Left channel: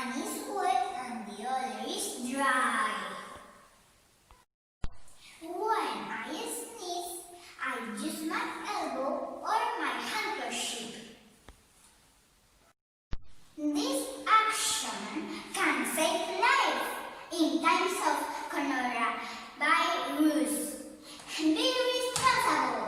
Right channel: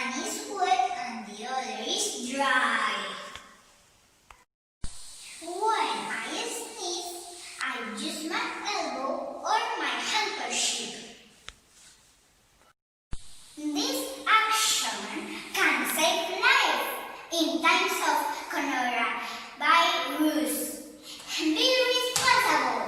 One is wet and the other is dry. When I sneeze, I use my elbow or my handkerchief. This action can save life in times of coronavirus. Do you